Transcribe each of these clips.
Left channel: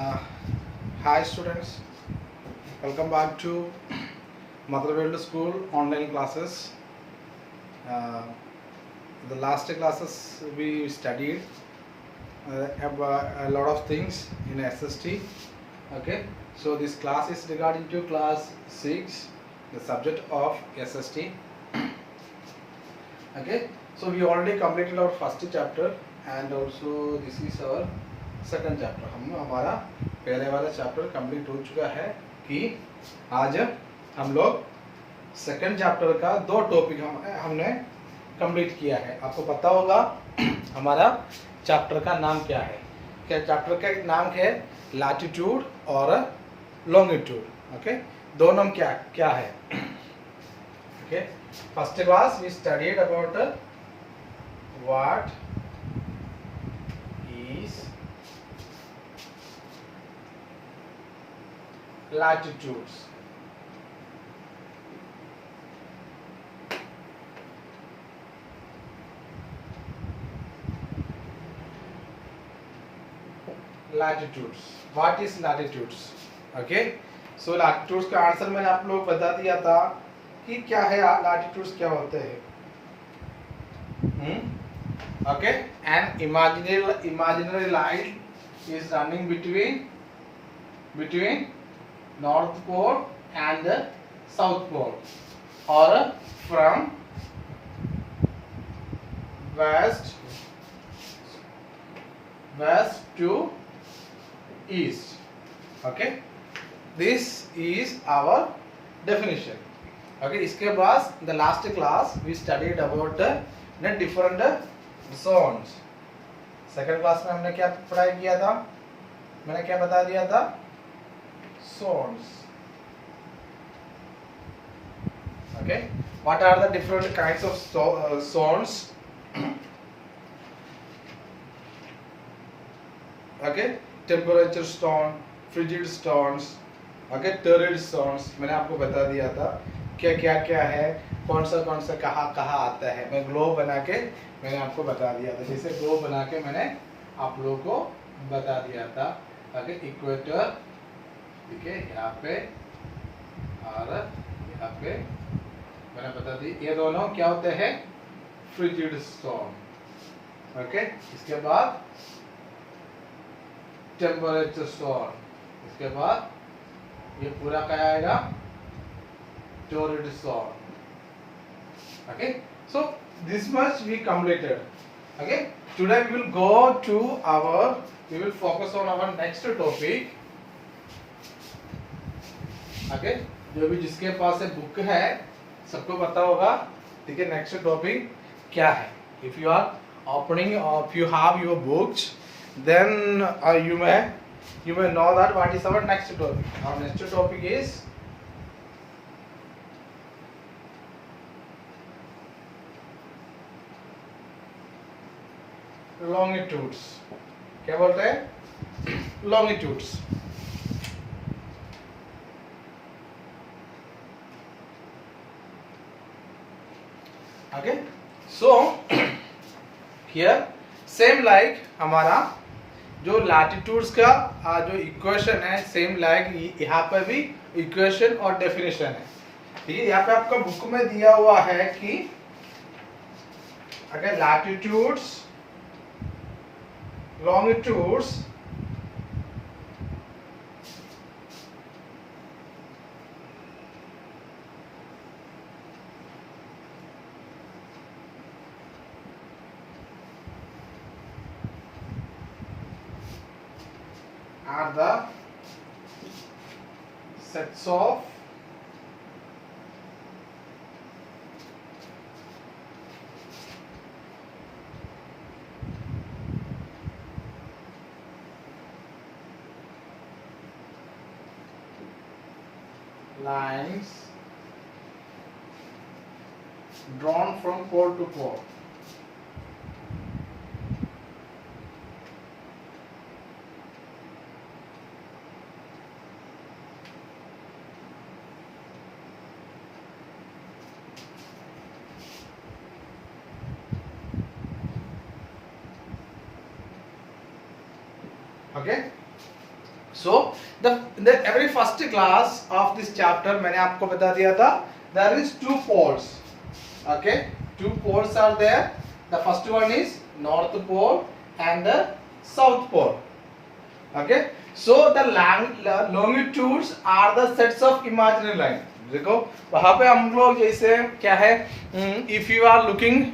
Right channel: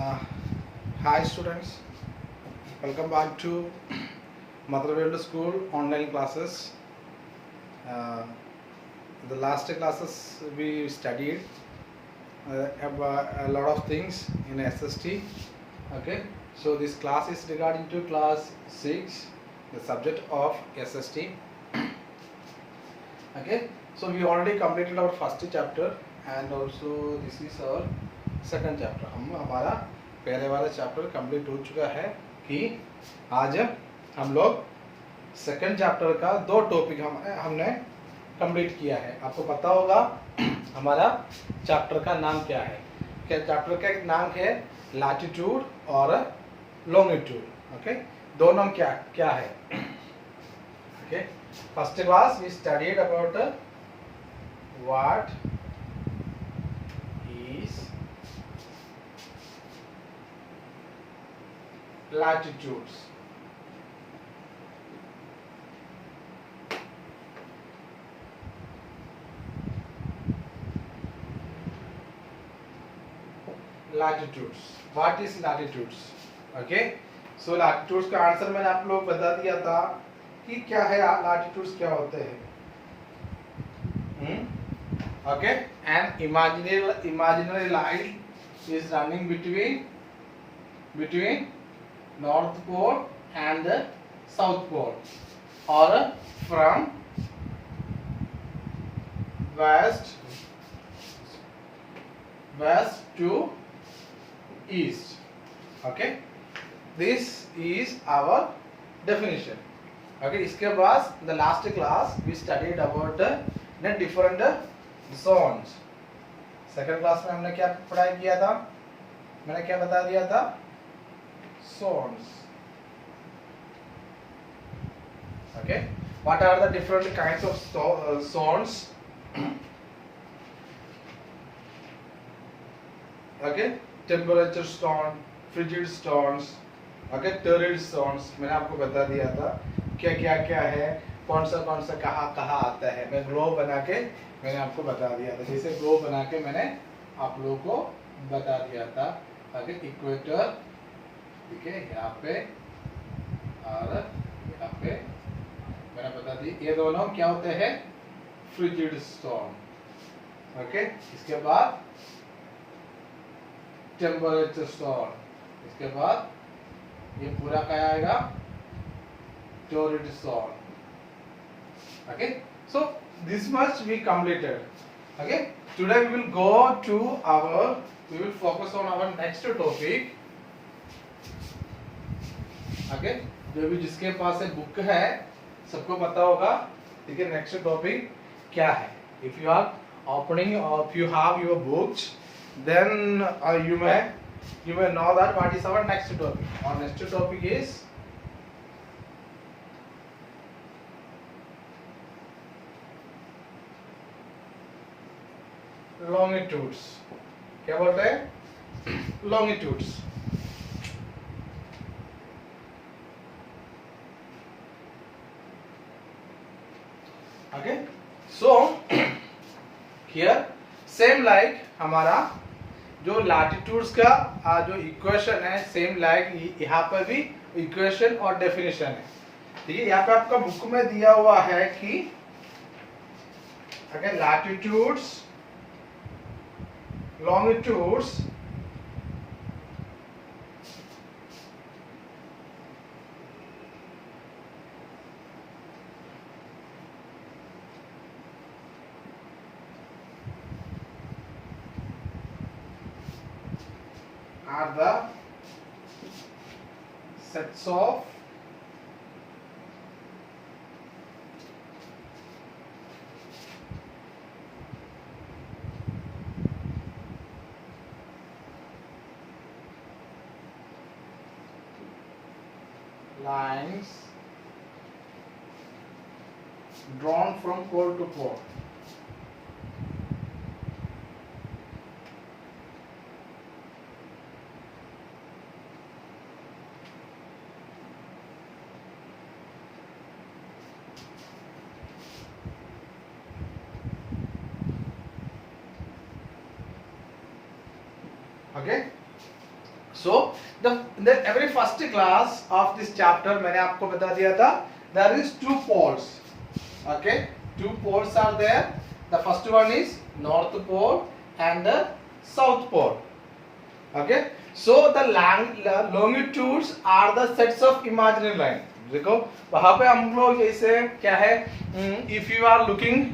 Uh, Hi students, welcome back to Mother World School online classes. Uh, the last classes we studied about a lot of things in SST. Okay, so this class is regarding to class 6, the subject of SST. Okay, so we already completed our first chapter and also this is our second chapter. हमारा पहले वाला chapter complete हो चुका है कि आज हम लोग सेकंड चैप्टर का 2 टॉपिक हमने कंप्लीट किया है. आपको पता होगा हमारा चैप्टर का नाम क्या है. क्या चैप्टर का नाम है लैटिट्यूड और लॉन्गिट्यूड. ओके, दोनों क्या क्या है. Okay, first class we studied about what is latitudes. Latitudes. What is latitudes? Okay. So latitudes का आंसर मैंने आप लोग बता दिया था कि क्या है latitudes क्या होते हैं. Okay. An imaginary line is running between North Pole and the South Pole, or from west to east. Okay, this is our definition. Okay, इसके बाद the last class we studied about the different zones. Second class में हमने क्या पढ़ाई किया था. मैंने क्या बता दिया था. Zones. Okay, what are the different kinds of zones? Okay, temperature zone, frigid zones, okay, torrid zones. मैंने आपको बता दिया था क्या क्या क्या है, कौन सा कहाँ कहाँ आता है. मैं ग्लोब बना के मैंने आपको बता दिया था. जैसे ग्लोब बना के मैंने आप लोगों को बता दिया था. okay, इक्वेटर ठीक है यहाँ पे और यहाँ पे मैंने बता दी. ये दोनों क्या होते हैं फ्रिजिड जोन. ओके, इसके बाद टेम्परेचर जोन. इसके बाद ये पूरा क्या आएगा torrid zone. Okay, so this much we completed. Okay, today we will go to we will focus on our next topic. Okay, जो भी जिसके पास बुक है सबको पता होगा. ठीक है, नेक्स्ट टॉपिक क्या है. इफ यू आर ओपनिंग और if you have your books then you may know that what is our next topic. Our next topic is longitudes. क्या बोलते हैं longitudes. Okay, so here same like हमारा जो latitudes का जो equation है same like यहाँ पे भी इक्वेशन और डेफिनेशन है. ठीक है, यहाँ पे आपका बुक में दिया हुआ है कि अगर latitudes longitudes are the sets of lines drawn from pole to pole. Okay, So the every first class of this chapter मैंने आपको बता दिया था there is two poles. Okay, two poles are there. The first one is north pole and the south pole. Okay, so the longitudes are the sets of imaginary line. देखो वहां पे हम लोग जैसे क्या है, if you are looking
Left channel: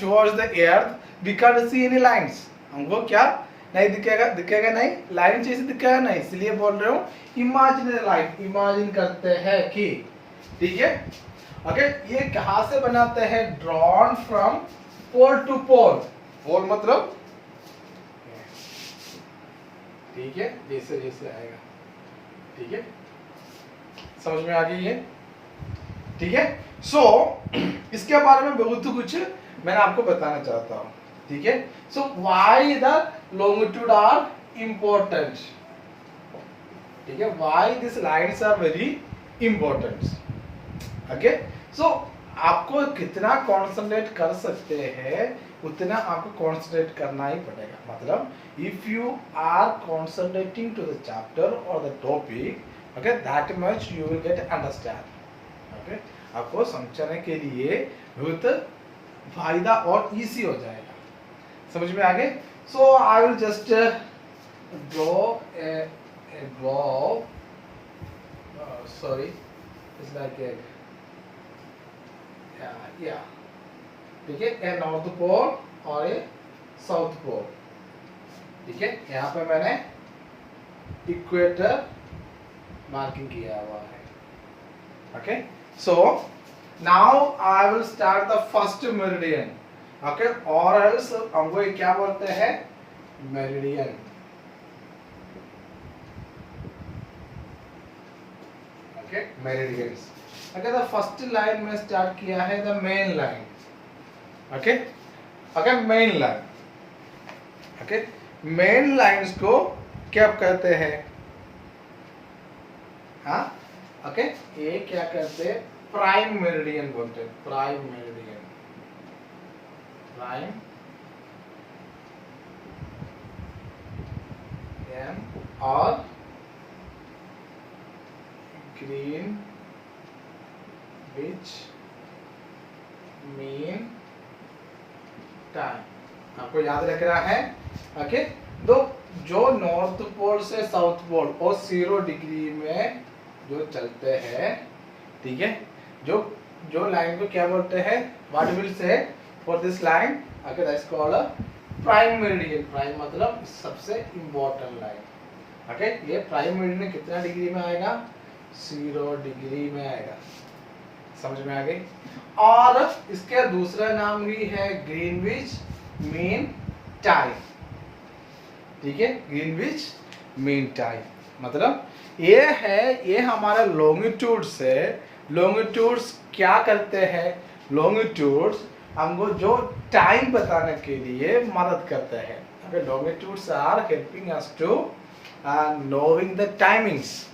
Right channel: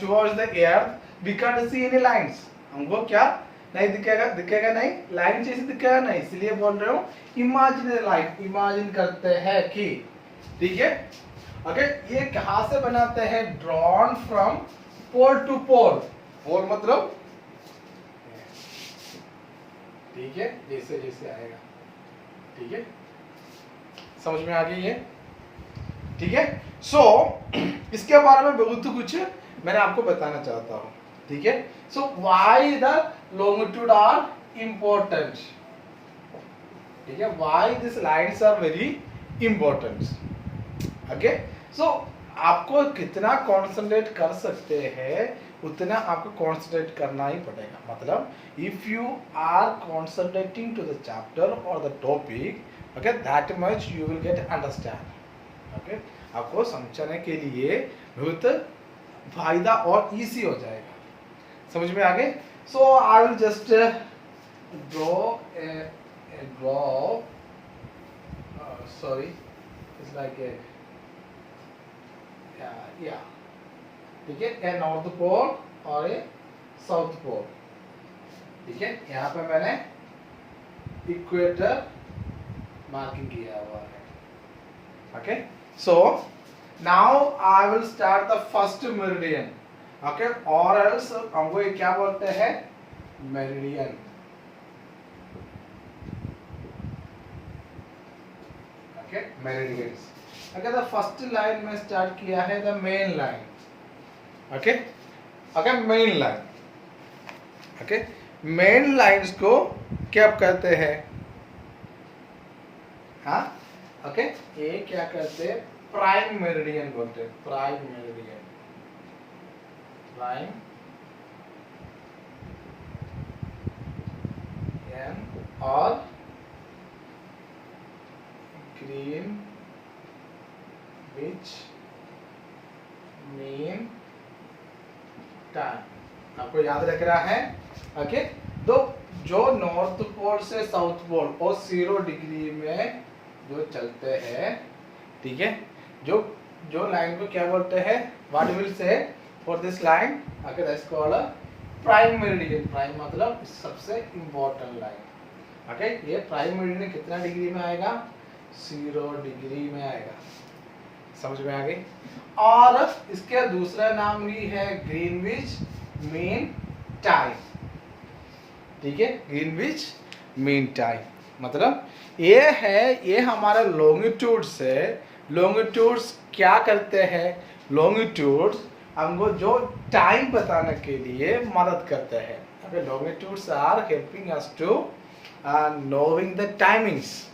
towards the earth we can't see any lines. हमको क्या नहीं दिखेगा, दिखेगा नहीं, लाइन जैसे दिखेगा नहीं, इसलिए बोल रहे हो इमेजिनरी लाइन, इमेजिन करते हैं कि, ठीक है। ओके, ये कहां से बनाते हैं, ड्रॉन फ्रॉम पोल टू पोल, पोल मतलब ठीक है, जैसे जैसे आएगा, ठीक है, समझ में आ गई है, ठीक है। सो इसके बारे में बहुत कुछ मैंने आपको बताना चाहता हूँ, ठीक है। So why the longitude are important, ठीक है, why these lines are very important. Okay, so आपको कितना कॉन्सेंट्रेट कर सकते हैं उतना आपको कॉन्सेंट्रेट करना ही पड़ेगा, मतलब if you are concentrating to the chapter और the topic, okay, that much you will get understand. Okay, आपको समझने के लिए बहुत फायदा और इजी हो जाएगा, समझ में आ गए। So I will just draw a globe. Sorry, it's like a yeah. ठीक है, a north pole और a south pole, ठीक है। यहाँ पे मैंने इक्वेटर मार्किंग किया हुआ है, okay. So now I will start the first meridian. Okay, और एल्स हमको क्या बोलते हैं, मेरिडियन, ओके, मेरिडियंस। अगर द फर्स्ट लाइन में स्टार्ट किया है the main line, okay, okay, main line, okay, main lines को क्या कहते हैं, हाँ, ओके, ये क्या कहते हैं, प्राइम मेरिडियन बोलते हैं, प्राइम मेरिडियन, प्राइम और ग्रीन विच मीन टाइम, आपको याद रख रहा है, ओके। तो जो नॉर्थ पोल से साउथ पोल और 0 डिग्री में जो चलते हैं, ठीक है, जो लाइन को क्या बोलते हैं, what will say for this line, okay, that's called a prime meridian. Prime मतलब सबसे important line, okay, ये prime meridian कितना डिग्री में आएगा, 0 डिग्री में आएगा, समझ में आ गई। और इसके दूसरा नाम भी है ग्रीनविच मीन टाइम, ठीक है, ग्रीनविच मीन टाइम मतलब ये है, ये हमारे लॉन्गिट्यूड्स है। लॉन्गिट्यूड्स क्या करते हैं, लॉन्गिट्यूड्स हमको जो टाइम बताने के लिए मदद करते हैं। okay, longitudes are helping us to knowing the timings,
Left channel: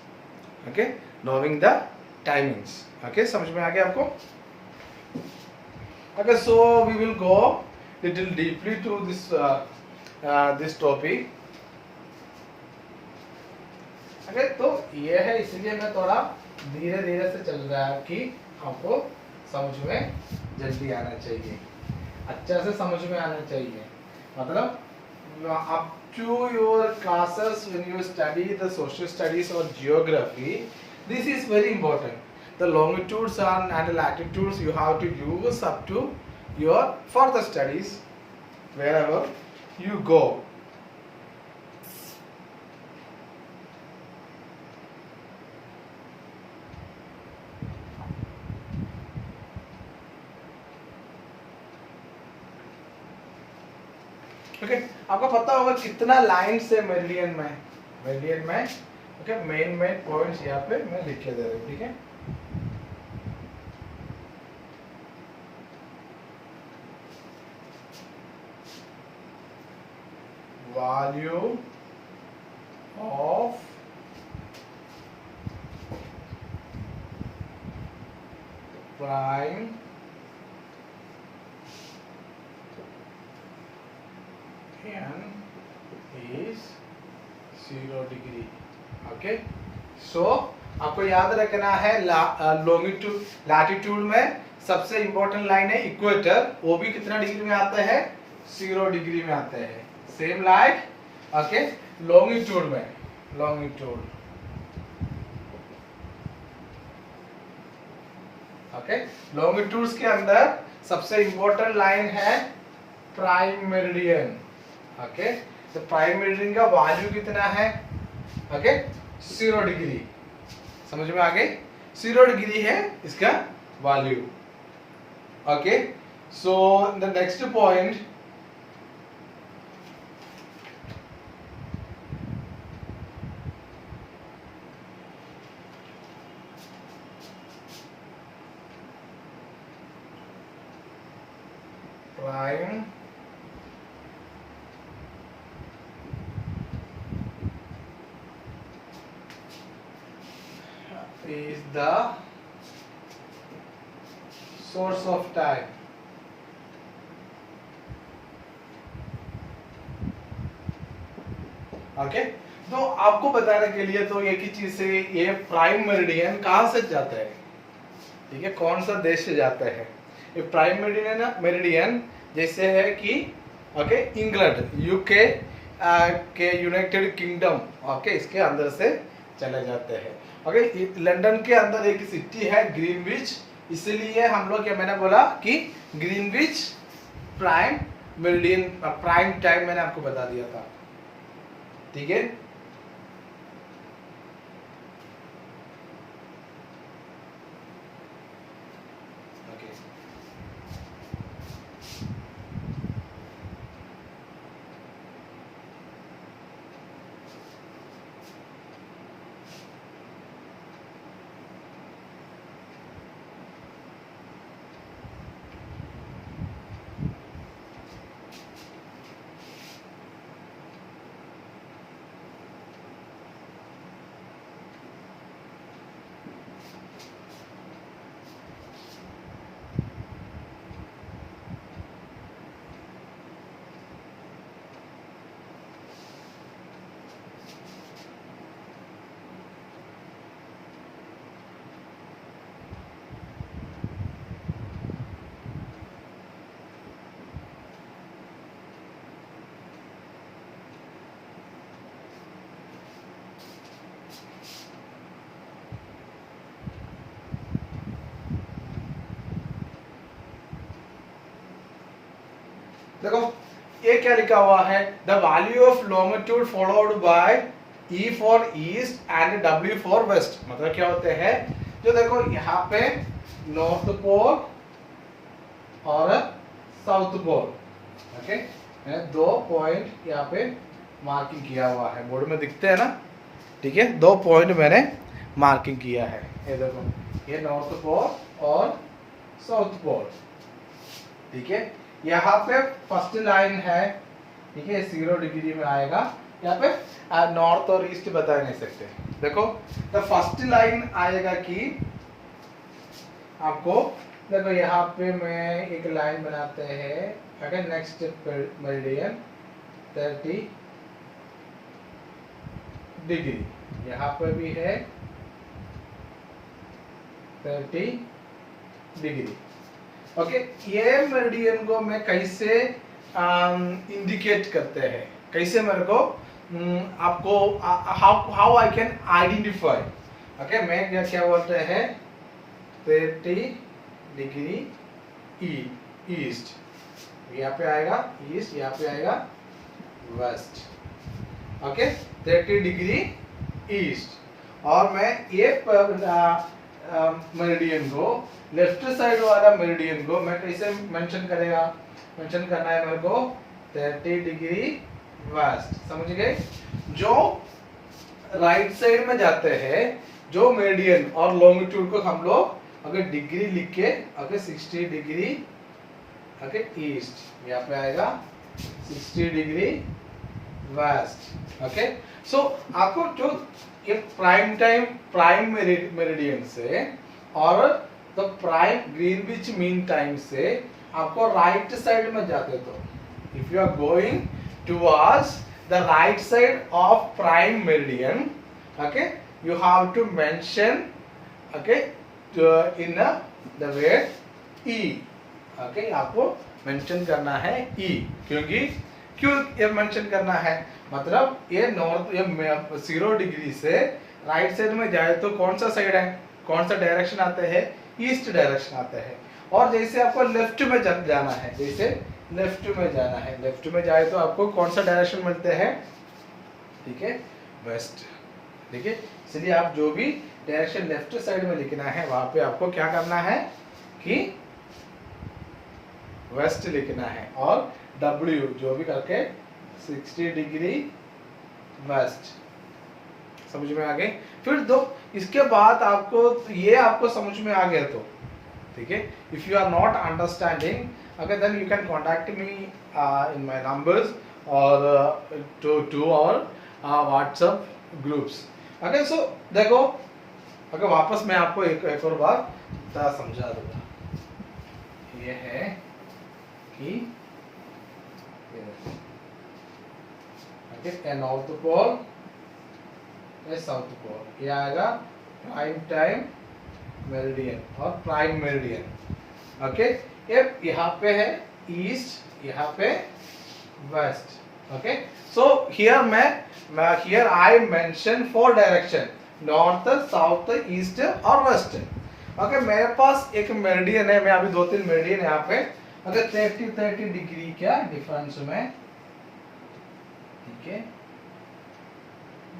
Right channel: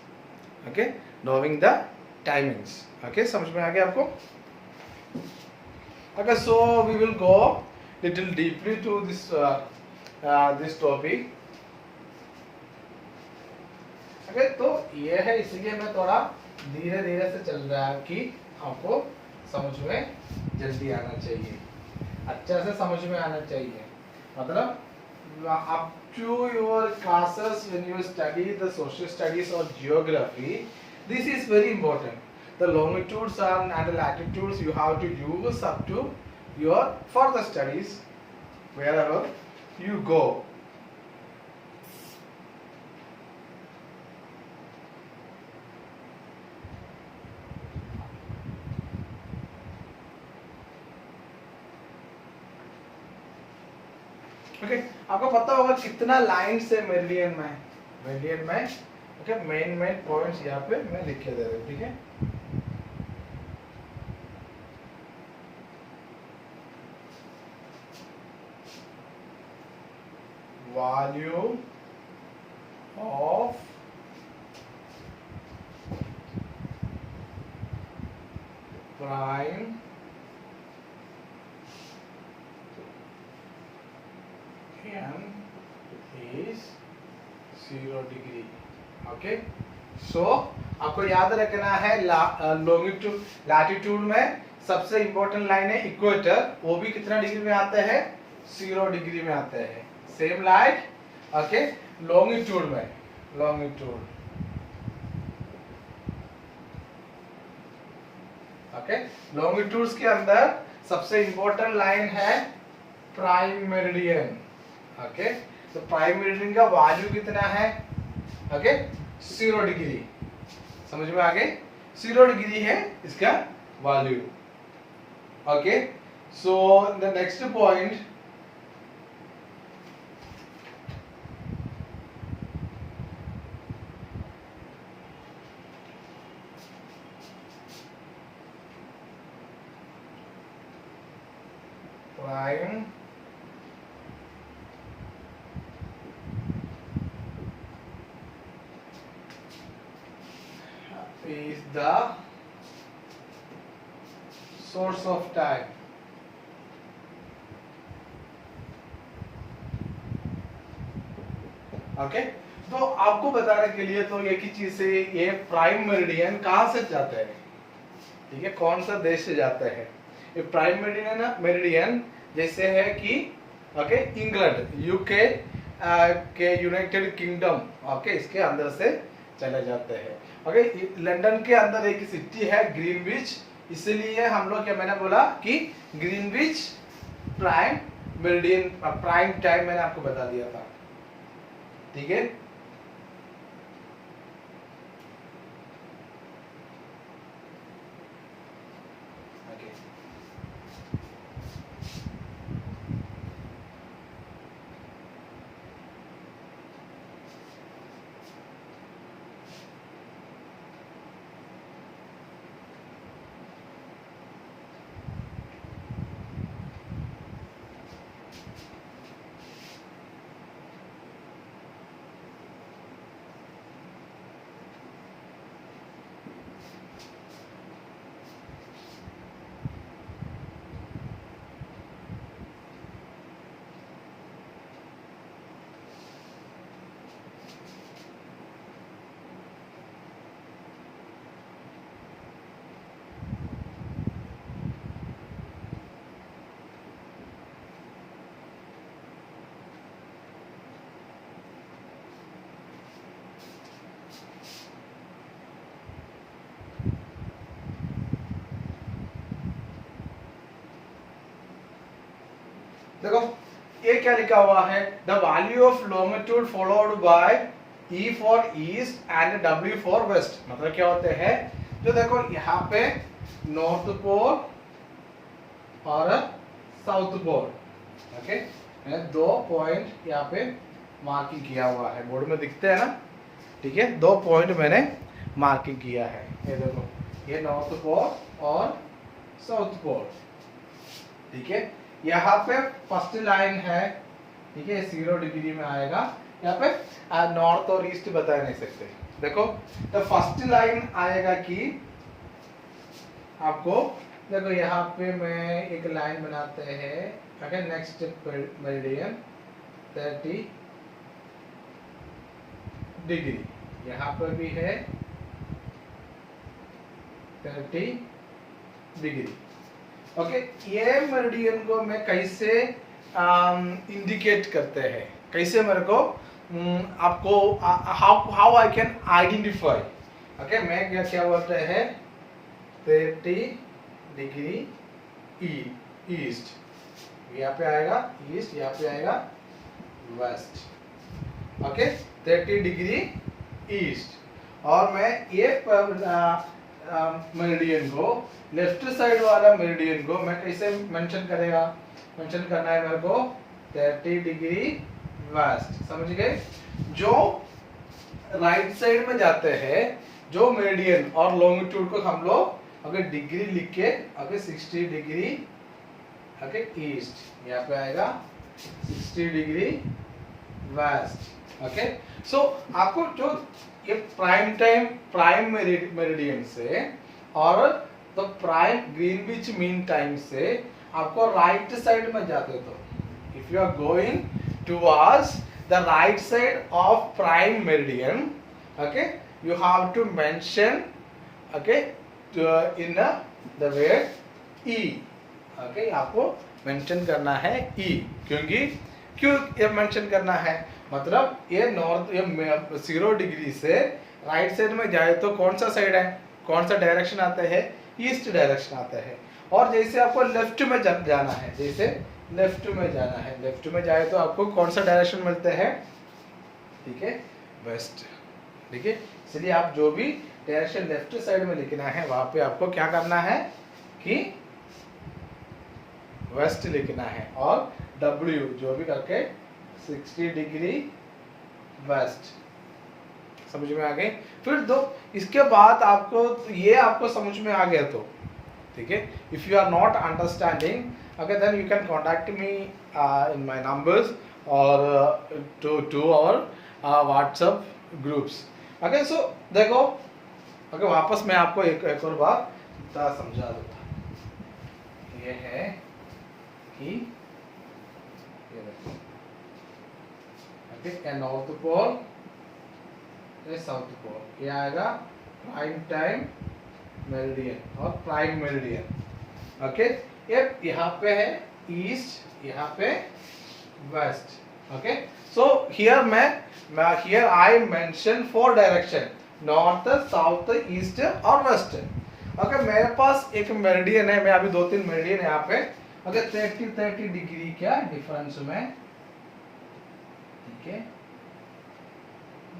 okay, knowing the timings, okay, समझ में आ गया आपको। okay, so we will go little deeply to this topic, okay, तो ये है, इसलिए मैं थोड़ा धीरे धीरे से चल रहा है कि आपको समझ में जल्दी आना चाहिए, अच्छा से समझ में आना चाहिए, मतलब up to your classes when you study the social studies or geography, this is very important. The longitudes and the latitudes you have to use up to your further studies wherever you go. Okay, आपको पता होगा कितना line से meridian में, okay, main points यहाँ पे मैं लिख के दे रहा हूँ, ठीक है। Volume of prime n is 0 degree, okay, so आपको याद रखना है लॉन्गिट्यूड लैटिट्यूड में सबसे इंपॉर्टेंट लाइन है इक्वेटर, वो भी कितना डिग्री में आता है, 0 डिग्री में आता है। सेम लाइक ओके लॉन्गिट्यूड में, लॉन्गिट्यूड ओके लॉन्गिट्यूड्स के अंदर सबसे इंपॉर्टेंट लाइन है प्राइम मेरिडियन। ओके, तो प्राइम मेरिडियन का वैल्यू कितना है, ओके 0 डिग्री, समझ में आ गई, 0 डिग्री है इसका value. Okay, so the next point, prime is the source of time। Okay, तो आपको बताने के लिए तो एक ही चीज से, ये प्राइम मेरिडियन कहाँ से जाता है, ठीक है, कौन सा देश से जाता है। ये प्राइम मेरिडियन जैसे है कि ओके इंग्लैंड, यूके के यूनाइटेड किंगडम, ओके इसके अंदर से चले जाते हैं। ओके, लंदन के अंदर एक सिटी है ग्रीनविच, इसलिए हम लोग क्या, मैंने बोला कि Greenwich prime meridian, prime time मैंने आपको बता दिया था, ठीक है। देखो ये क्या लिखा हुआ है, the value of longitude followed by E for east and W for west, मतलब क्या होते हैं, जो देखो यहाँ पे नॉर्थ पोल और साउथ पोल, ओके मैंने 2 पॉइंट यहाँ पे मार्किंग किया हुआ है, बोर्ड में दिखते हैं ना, ठीक है, 2 पॉइंट मैंने मार्किंग किया है, ये देखो ये नॉर्थ पोल और साउथ पोल, ठीक है। यहाँ पे फर्स्ट लाइन है, ठीक है 0 डिग्री में आएगा, यहाँ पे नॉर्थ और ईस्ट बता नहीं सकते। देखो तो फर्स्ट लाइन आएगा कि आपको, देखो यहाँ पे मैं एक लाइन बनाते हैं, ओके नेक्स्ट मेरिडियन 30 डिग्री, यहाँ पे भी है 30 डिग्री। ओके, ये मेरिडियन को मैं कैसे इंडिकेट करते हैं, कैसे मेरे को आपको how I can identify, okay मैं क्या बोलते हैं 30 डिग्री ईस्ट, यहाँ पे आएगा ईस्ट, यहाँ पे आएगा वेस्ट, ओके 30 डिग्री ईस्ट। और मैं ये मेरिडियन को, लेफ्ट साइड वाला मेरिडियन को मैं कैसे मेंशन करेगा, मेंशन करना है मेरे को 30 डिग्री वेस्ट, समझ गए। जो राइट साइड में जाते हैं जो मेरिडियन और लॉन्गिट्यूड को हम लोग अगर डिग्री लिख के अगर 60 डिग्री ओके ईस्ट, यहाँ पे आएगा 60 डिग्री वेस्ट, ओके। सो आपको जो ये प्राइम टाइम प्राइम मेरिडियन से और तो प्राइम ग्रीनविच मीन टाइम से आपको राइट साइड में जाते, तो if you are going towards the right side of prime meridian, okay, you have to mention, okay, in the word e, okay, आपको mention करना है e, क्योंकि क्यों ये मेंशन करना है, मतलब ये नॉर्थ, ये 0 डिग्री से राइट साइड में जाए तो कौन सा साइड है, कौन सा डायरेक्शन आता है, ईस्ट डायरेक्शन आता है। और जैसे आपको लेफ्ट में जाना है, जैसे लेफ्ट में जाना है, लेफ्ट में जाए तो आपको कौन सा डायरेक्शन मिलता है, ठीक है, वेस्ट, ठीक है। इसलिए आप जो भी डायरेक्शन लेफ्ट साइड में लिखना है वहां पे आपको क्या करना है कि वेस्ट लिखना है, और W जो भी करके 60 डिग्री वेस्ट, समझ में आ गए। फिर दो, इसके बाद आपको ये आपको समझ में आ गया तो ठीक है। If you are not understanding, okay, then you can contact me in my numbers और टू और व्हाट्सएप ग्रुप्स, ओके। सो देखो, ओके, वापस मैं आपको एक और बात समझा दूंगा। ये है कि ये देखो, okay, north pole, south pole, ये आएगा प्राइम टाइम मेरिडियन और प्राइम मेरिडियन, ओके। ये यहाँ पे है ईस्ट, यहाँ पे west, okay. So here I mention 4 direction, north, south, east और वेस्ट, ओके। मेरे पास एक मेरिडियन है, मैं अभी 2-3 मेरिडियन यहाँ पे, अगर 30 डिग्री क्या डिफरेंस में, ठीक है,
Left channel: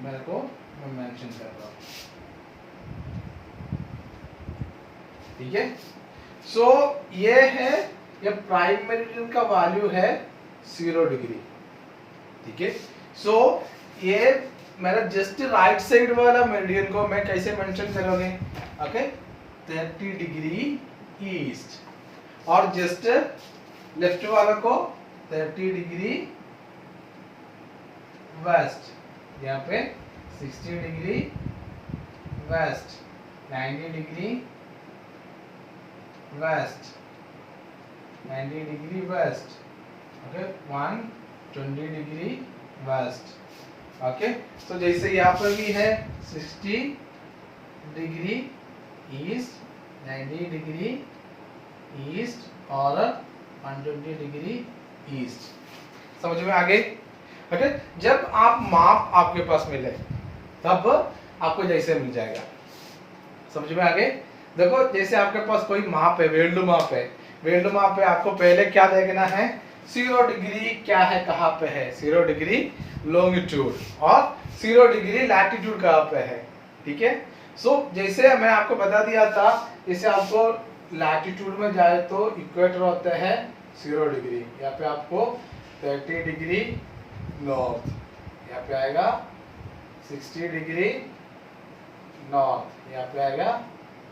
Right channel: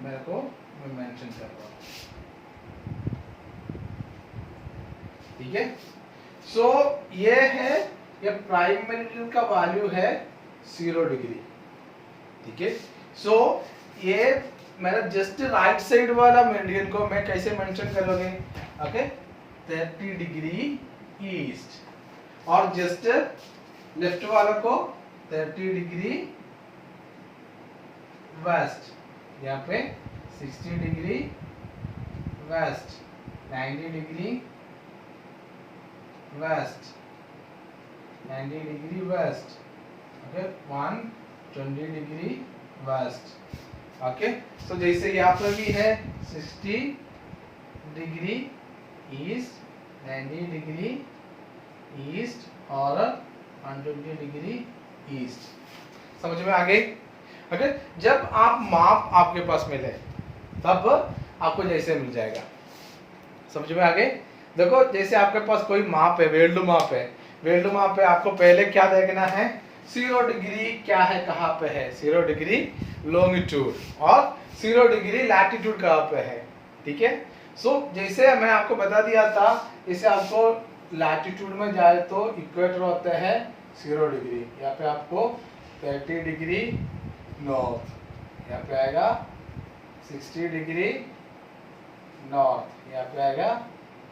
मेरे को मैं मेंशन कर रहा हूँ, ठीक है। सो ये है, ये प्राइम मेरिडियन का वैल्यू है 0 डिग्री, ठीक है। सो ये मेरा जस्ट राइट साइड वाला मेरिडियन को मैं कैसे मेंशन करोगे, ओके, 30 डिग्री ईस्ट, और जस्ट लेफ्ट वाला को 30 डिग्री वेस्ट, यहाँ पे 60 degree west, 90 degree west, 90 degree west, okay, 120 degree west, okay. तो जैसे यहाँ पर भी है 60 डिग्री ईस्ट, 90 डिग्री ईस्ट और 120 डिग्री ईस्ट, समझ में आ गई, ओके। जब आप माप आपके पास मिले तब आपको जैसे मिल जाएगा, समझ में आ गए। देखो, जैसे आपके पास कोई माप है, वेल्डू माप है, वेल्डू माप पे आपको पहले क्या देखना है, 0 डिग्री क्या है, कहाँ पे है, 0 डिग्री लॉन्गिट्यूड और 0 डिग्री लैटिट्यूड कहाँ पे है, ठीक है। सो जैसे मैं आपको बता दिया था, जैसे आपको लैटिट्यूड में जाए तो इक्वेटर होता है 0 डिग्री, यहाँ पे आपको 30 डिग्री नॉर्थ, यहाँ पे आएगा 60 डिग्री नॉर्थ, यहाँ पे आएगा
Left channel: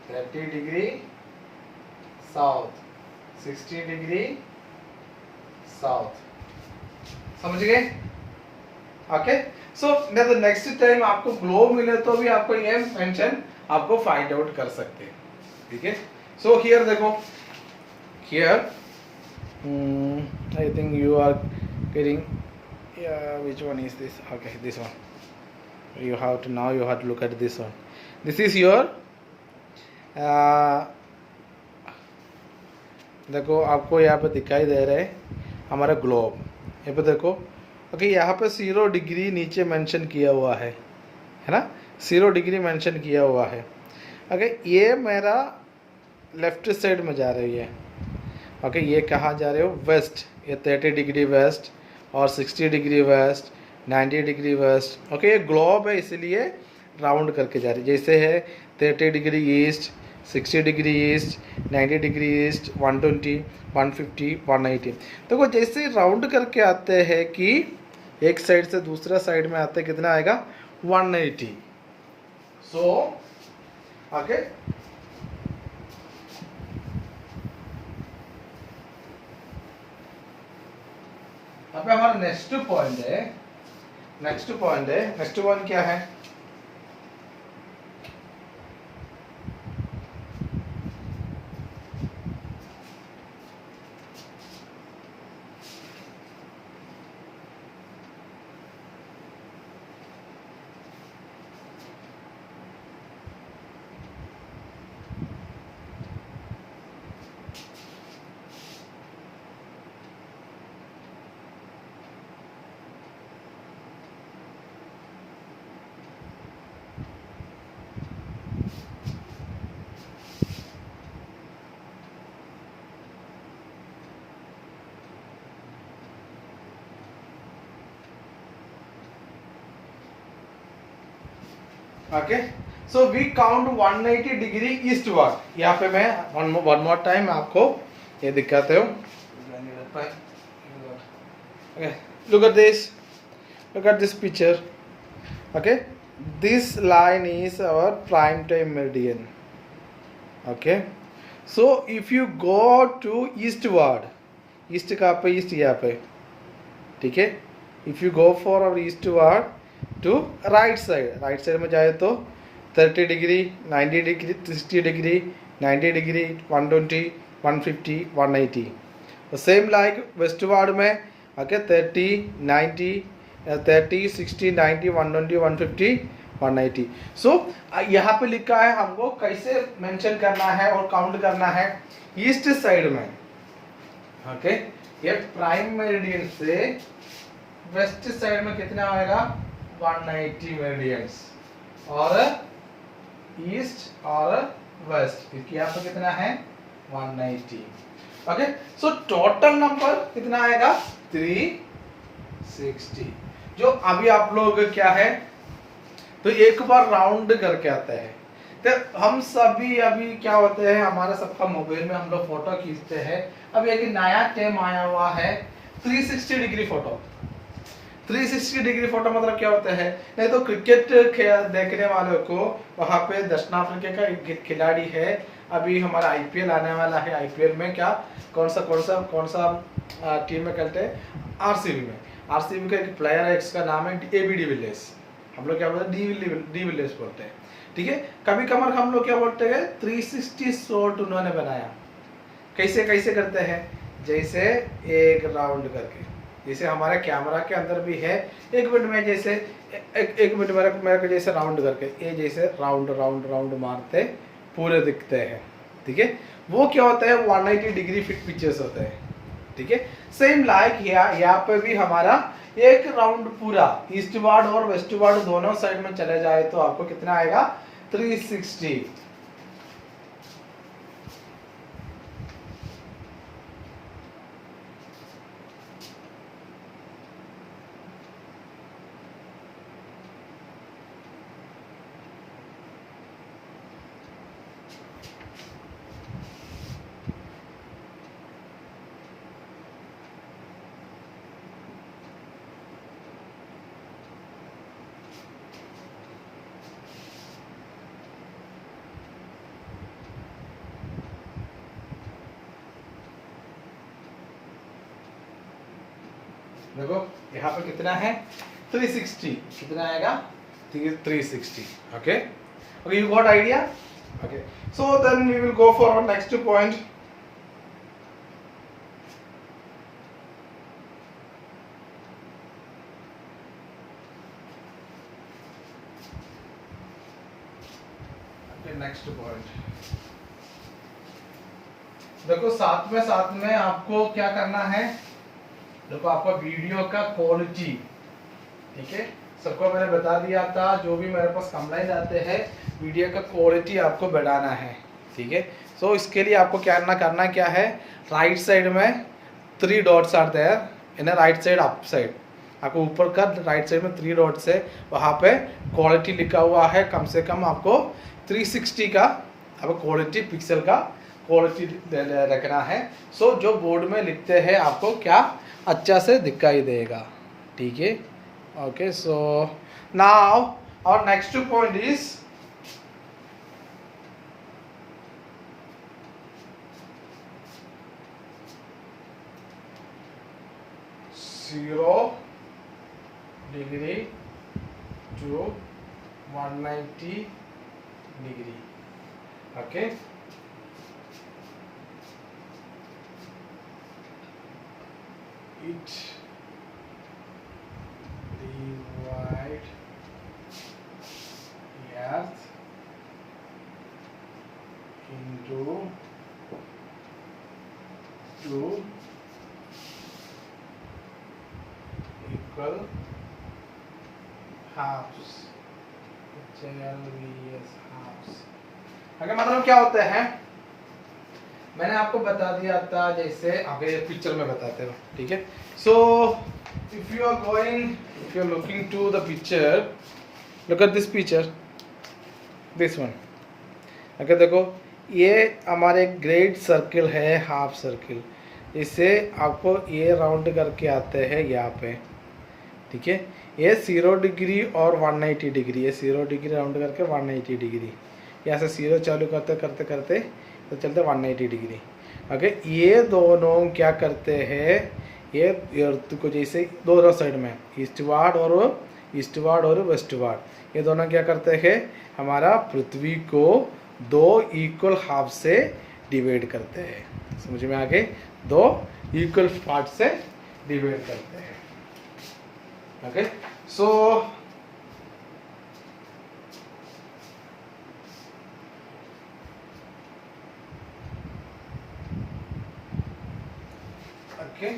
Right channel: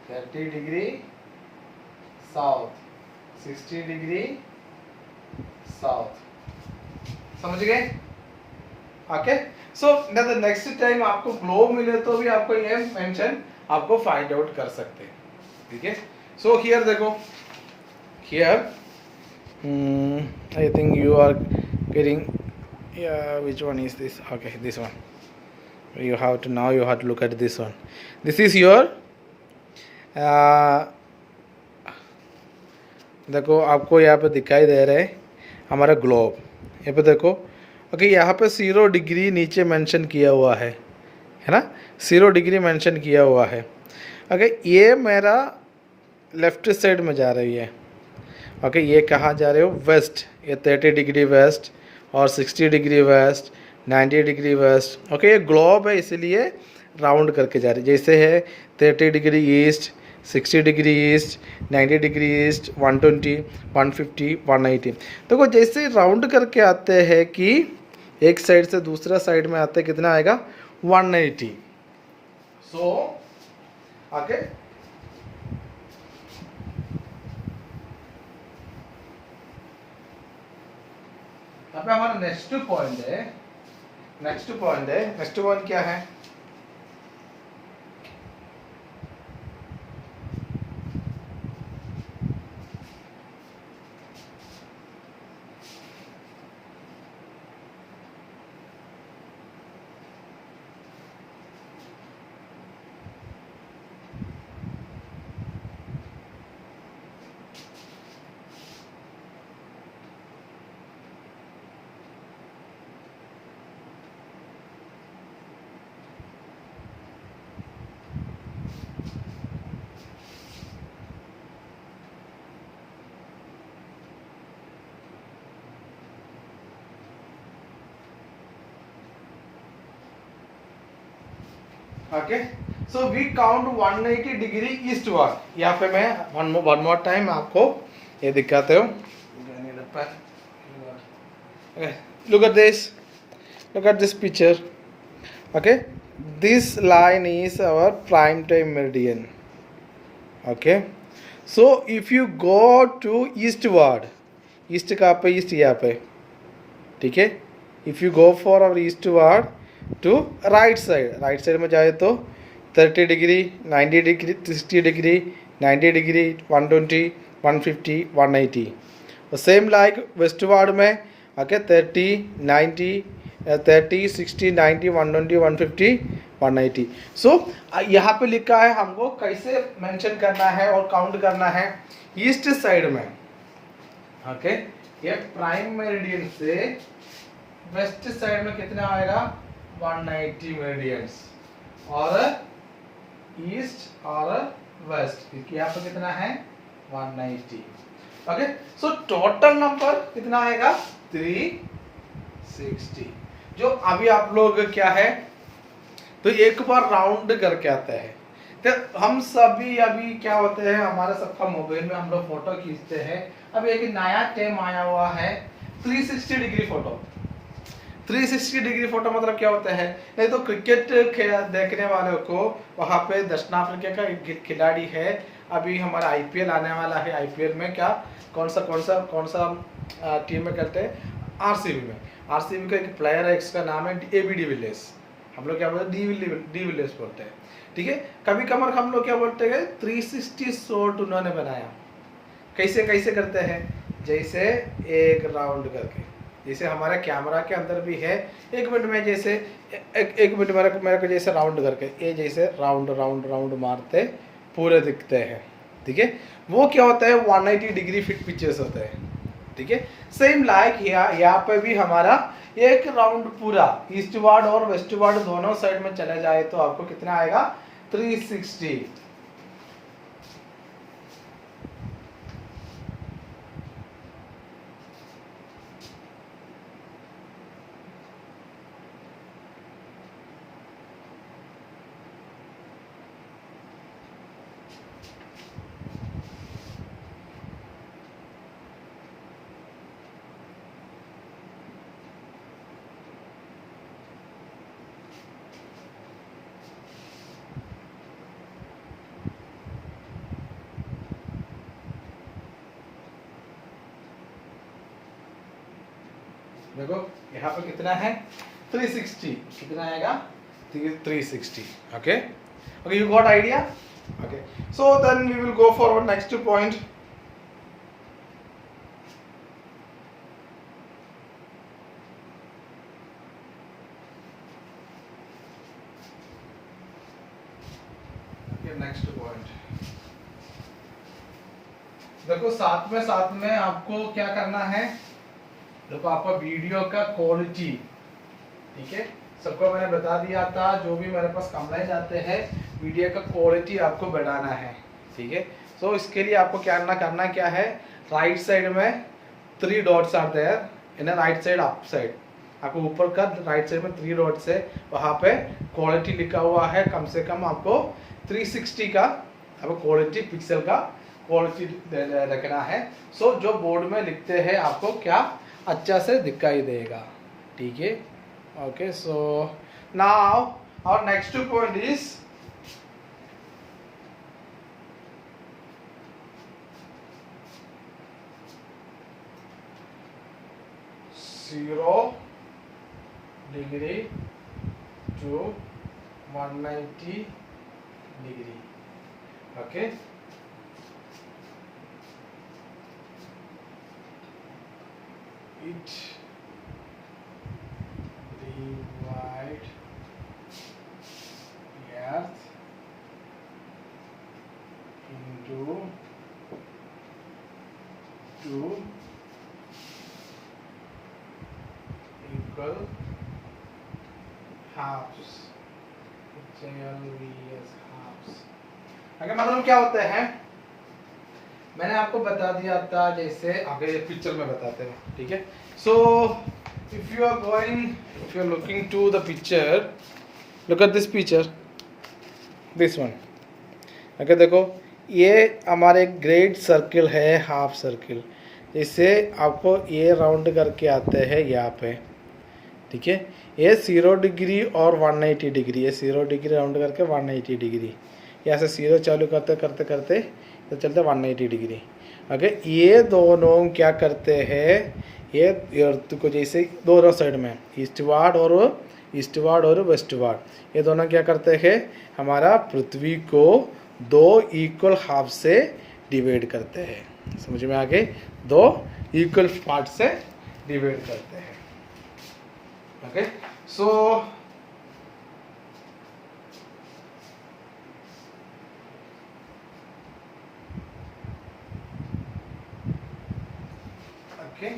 30 डिग्री साउथ, 60 डिग्री साउथ, समझ गए, ओके। सो नेक्स्ट टाइम आपको ग्लोब मिले तो भी आपको ये मेंशन आपको फाइंड आउट कर सकते हैं, ठीक है। सो हियर देखो, here I think you are getting, which one is this, okay, this one, you have to look at this one, this is your देखो, आपको यहाँ पे दिखाई दे रहा है हमारा ग्लोब, यहाँ पे देखो, ओके, यहाँ पे 0 डिग्री नीचे मेंशन किया हुआ है ना, 0 डिग्री मेंशन किया हुआ है, ओके। ये मेरा लेफ्ट साइड में जा रही है, ओके। ये कहाँ जा रहे हो, वेस्ट, ये 30 डिग्री वेस्ट और 60 degree west, 90 degree west, okay. ये ग्लोब है इसलिए राउंड करके जा रही है, जैसे है 30 degree east, 60 degree east, 90 degree east, 120, 150, 180। तो वो जैसे राउंड करके आते हैं कि एक साइड से दूसरा साइड में आते, कितना आएगा, 180। सो ओके, अब हमारा नेक्स्ट पॉइंट है, नेक्स्ट पॉइंट क्या है, okay, so we count 180 degree eastward. यहाँ पे मैं वन मोर टाइम आपको ये दिखाते हूँ। Look at this picture. Okay, this line is our prime time meridian. Okay, so if you go to eastward, east का पे ईस्ट यहाँ पे, ठीक है, if you go for our eastward to right side में जाए तो 30 degree, 90 degree, 60 degree, 90 degree, 120, 150, 180। Same like westward में ओके 30, 90, 30, 60, 90, 120, 150, 180। सो यहाँ पे लिखा है हमको कैसे मेंशन करना है और काउंट करना है। ईस्ट साइड में ओके, ये प्राइम मेरिडियन से वेस्ट साइड में कितना आएगा 190 मेरिडियंस, और ईस्ट और वेस्ट क्योंकि यहाँ पे कितना है 190। ओके, सो टोटल नंबर कितना आएगा 360। जो अभी आप लोग क्या है तो एक बार राउंड करके आते हैं। तो हम सभी अभी क्या होते हैं, हमारा सबका मोबाइल में हम लोग फोटो खींचते हैं। अब एक नया टर्म आया हुआ है 360 डिग्री फोटो। 360 डिग्री फोटो मतलब क्या होता है, नहीं तो क्रिकेट देखने वालों को वहाँ पे दक्षिण अफ्रीका का एक खिलाड़ी है, अभी हमारा आईपीएल आने वाला है। आईपीएल में क्या कौन सा टीम में खेलते हैं, आरसीबी में। आरसीबी का एक प्लेयर है, इसका नाम है एबी डिविलियर्स। हम लोग क्या बोलते हैं डिविलियर्स बोलते हैं, ठीक है। कभी कभार हम लोग क्या बोलते हैं 360 शॉट उन्होंने बनाया। कैसे कैसे करते हैं, जैसे एक राउंड करके, जैसे हमारे कैमरा के अंदर भी है, एक मिनट में जैसे एक मिनट मेरे को जैसे राउंड करके ये जैसे राउंड राउंड राउंड मारते पूरे दिखते हैं, ठीक है। वो क्या होता है 180 डिग्री फिट पिक्चर्स होते हैं, ठीक है। सेम लाइक यहाँ पे भी हमारा एक राउंड पूरा ईस्टवर्ड और वेस्टवर्ड दोनों साइड में चले जाए तो आपको कितना आएगा 360। देखो यहाँ पे कितना है 360, कितना आएगा 360। Okay okay, you got idea. Okay, so then we will go for our next point. Next point देखो, साथ में आपको क्या करना है, देखो आपका वीडियो का क्वालिटी, ठीक है, सबको मैंने बता दिया था। जो भी मेरे पास कंप्लेंट आते हैं, वीडियो का क्वालिटी आपको बढ़ाना है, ठीक है। सो इसके लिए आपको करना क्या है, राइट साइड में 3 dots are there in right side up side. आपको ऊपर का राइट साइड में 3 डॉट्स है, वहाँ पे क्वालिटी लिखा हुआ है। कम से कम आपको 360 का आपको क्वालिटी पिक्सल का क्वालिटी रखना है। सो जो बोर्ड में लिखते हैं आपको क्या अच्छा से दिखाई देगा, ठीक है। Okay, so now our next point is zero degree to 190 degree. Okay, it divide the earth into 2 equal halves. अगर मतलब क्या होता है, मैंने आपको बता दिया था, जैसे आगे ये पिक्चर में बताते हो, ठीक है। So if you are looking to the picture, look at this picture, this one. Okay, देखो ये हमारे ग्रेट सर्किल है, हाफ सर्किल, इसे आपको ये राउंड करके आते हैं यहाँ पे, ठीक है। ये 0 डिग्री और 180 डिग्री, ये 0 डिग्री राउंड करके 180 डिग्री, यहाँ से 0 चालू करते करते करते तो चलते 180 डिग्री। ओके, ये दोनों क्या करते हैं, ये अर्थ को जैसे दोनों साइड में ईस्टवार्ड और वेस्टवार्ड, ये दोनों क्या करते हैं, हमारा पृथ्वी को 2 इक्वल हाफ से डिवाइड करते हैं। समझ में आगे, 2 इक्वल पार्ट से डिवाइड करते हैं। ओके, सो ओके,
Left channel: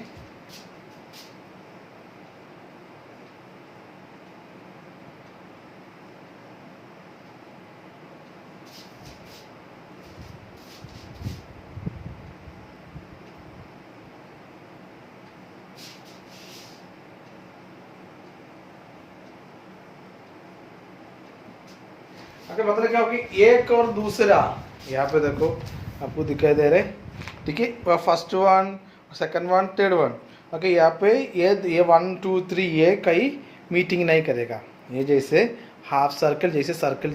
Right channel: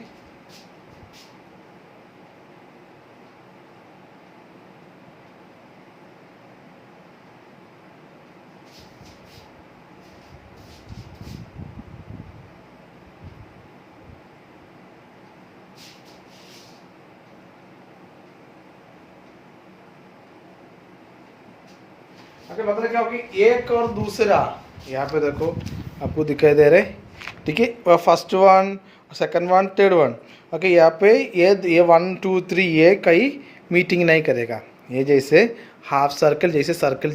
ओके, मतलब क्या होगी, एक और दूसरा, यहाँ पे देखो आपको दिखाई दे रहे, ठीक है, first one, second one, third one. Okay, यहाँ पे ये 1 2 3 ये कहीं मीटिंग नहीं करेगा, ये जैसे हाफ सर्कल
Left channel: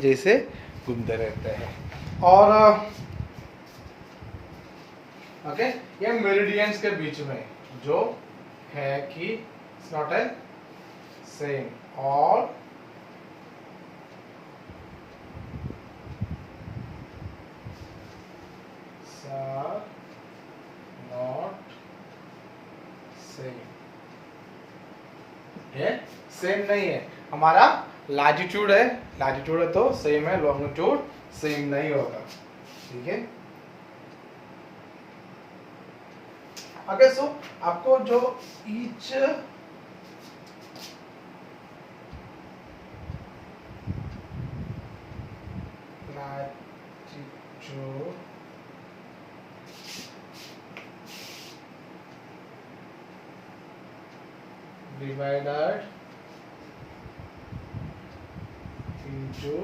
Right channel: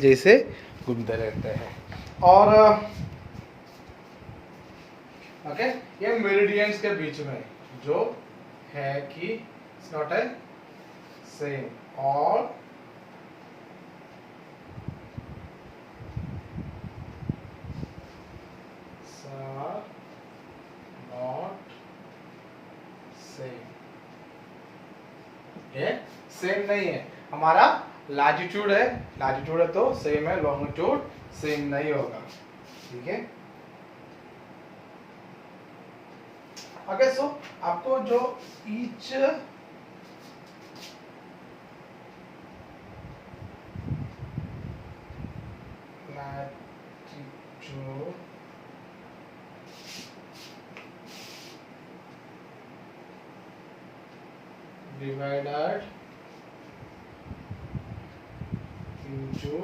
जैसे घूमते रहते हैं। और ओके, ये मेरिडियंस के बीच में जो है कि इट्स नॉट ए सेम और नॉट सेम, ये सेम नहीं है। हमारा लैटिट्यूड है तो सेम है, लॉन्गिट्यूड सेम नहीं होगा, ठीक है। ओके, सो आपको जो each latitude divided into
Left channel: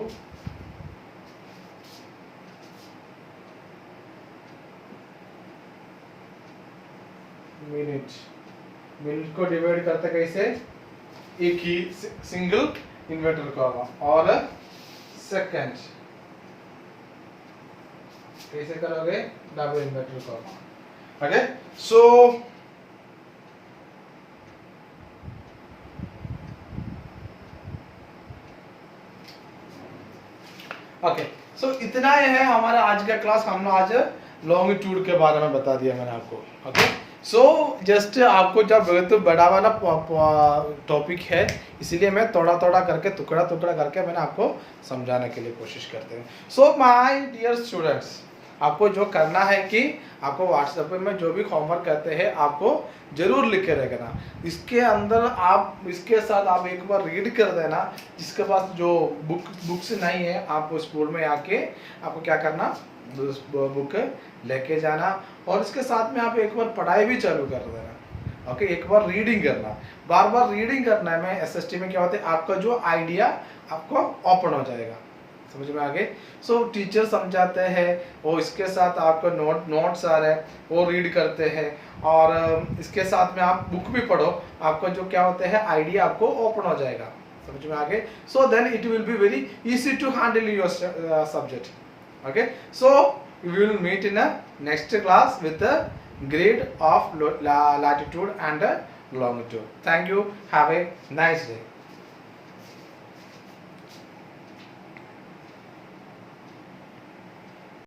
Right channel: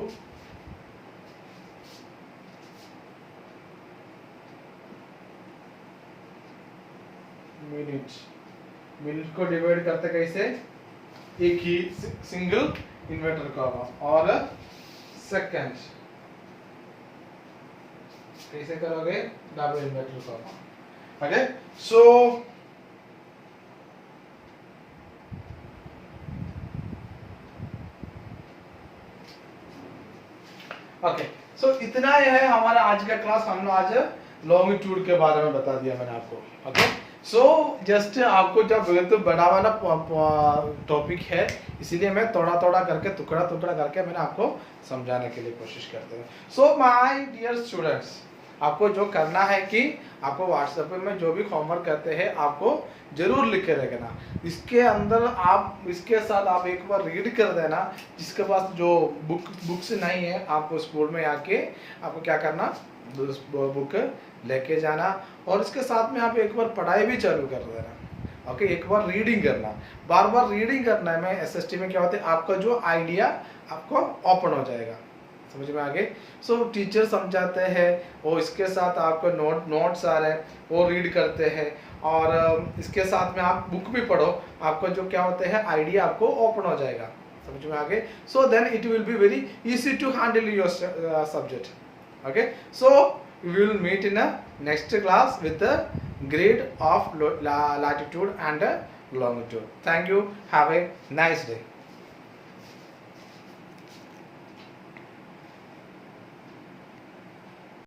minute को डिवाइड करते कैसे, एक ही सिंगल इन्वर्टर का होगा, और सेकंड कैसे करोगे, डबल इन्वर्टर का होगा। ओके, सो ओके, सो इतना ही है हमारा आज का क्लास। हम लोग आज लॉन्गिट्यूड के बारे में बता दिया मैंने आपको। ओके, सो जस्ट आपको जब तो बड़ा वाला टॉपिक है, इसीलिए मैं थोड़ा थोड़ा करके टुकड़ा करके मैंने आपको समझाने के लिए कोशिश करते हैं। सो माय डियर स्टूडेंट्स, आपको जो करना है कि आपको व्हाट्सएप में जो भी होमवर्क करते हैं आपको जरूर लिख के रखना। इसके अंदर आप इसके साथ आप एक बार रीड कर देना। जिसके पास जो बुक्स नहीं है, आप स्कूल में आके आपको क्या करना, बुक लेके जाना और इसके साथ में आप एक बार पढ़ाई भी चालू कर देना। ओके, एक बार रीडिंग करना, बार बार रीडिंग करना है। मैं एसएसटी में क्या होता है, आपका जो आइडिया आपको ओपन हो जाएगा। समझ में आ गए। सो टीचर समझाते हैं और इसके साथ आपको नोट्स आ रहे हैं वो रीड करते हैं, और इसके साथ में आप बुक भी पढ़ो, आपका जो क्या होता है आइडिया आपको ओपन हो जाएगा। समझ में आ गए। So then it will be very easy to handle your subject. Okay, so we will meet in a next class with the grade of latitude and longitude. Thank you. Have a nice day.